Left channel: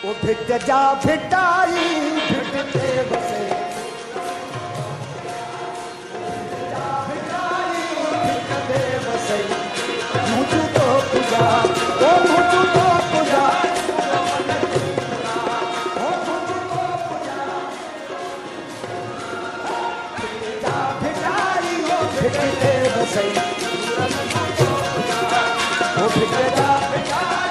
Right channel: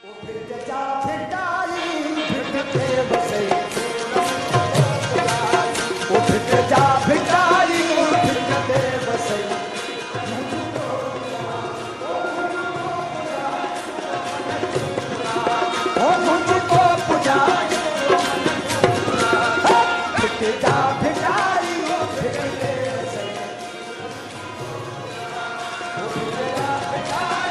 ओ भिट जा भिटाई भिटते बसे ओ भिट जा भिटाई भिटते बसे मुझू तो पूजा ओ मुझू तो पूजा ओ मुझू तो पूजा भिट जा भिटाई भिटते बसे ओ भिट जा भिटाई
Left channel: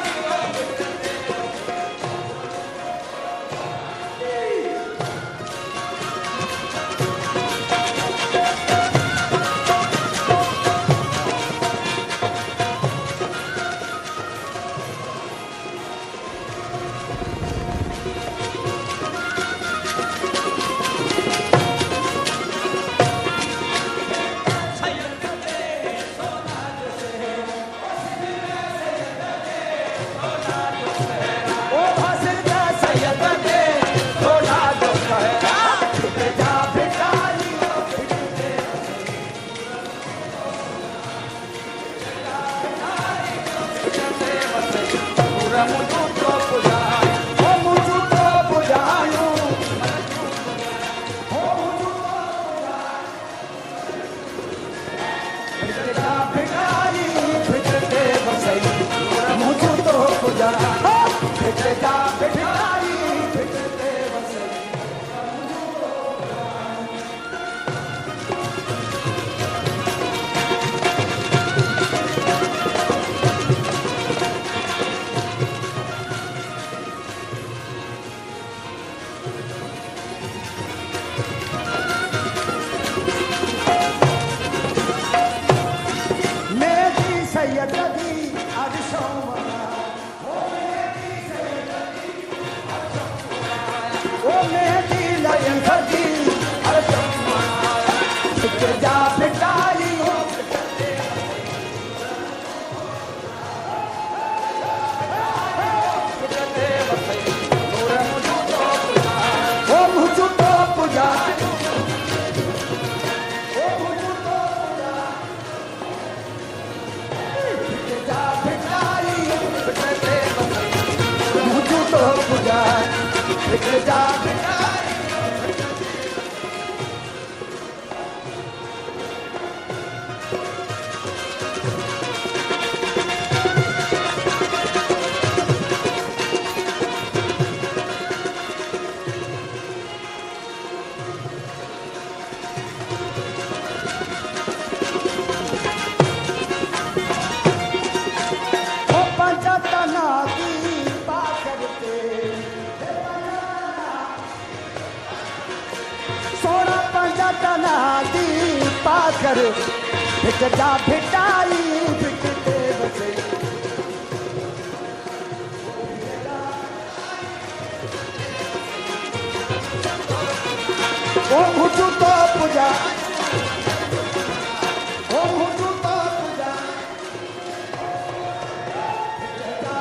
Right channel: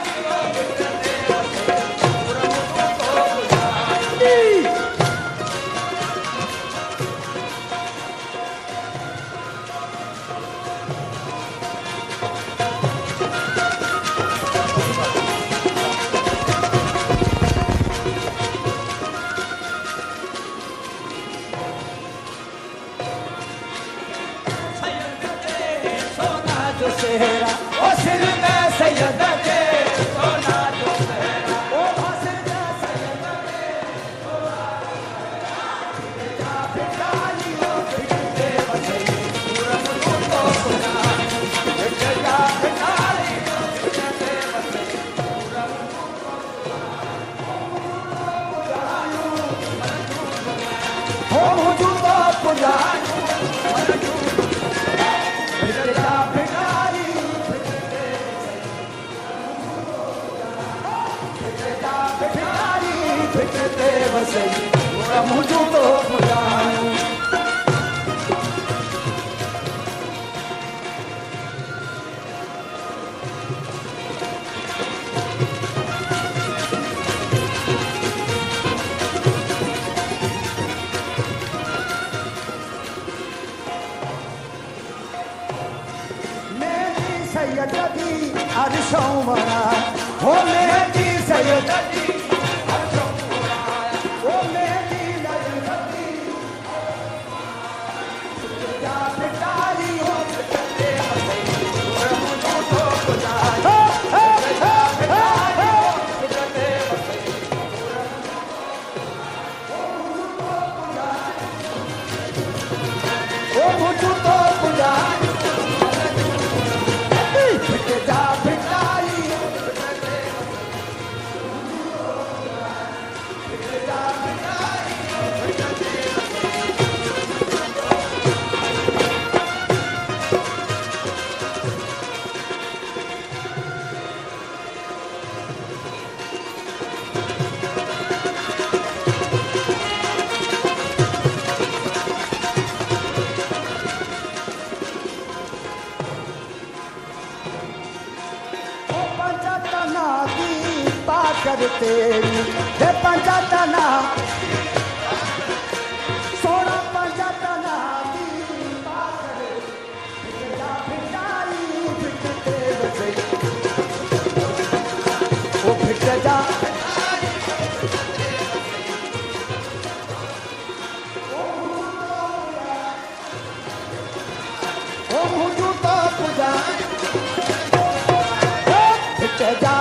सैयदी अरशों वाला हो मेहदी सैयदी अरशों वाला ओ मेहदी लायन सदी अरशों वाला भिट जा भिटाई हो भिटते बसे मुझू तो पूजा भिट जा भिटाई भिटते बसे मुझू तो पूजा ओ मुझू तो पूजा ओ मुझू तो पूजा तेरी दे पंजातना सोना पंजातना दी पाकर भिट जा भिटाई भिटते बसे ओ भिट जा ओ मुझू तो पूजा ओ मुझू तो पूजा भिट जा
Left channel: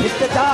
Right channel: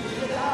भिट जा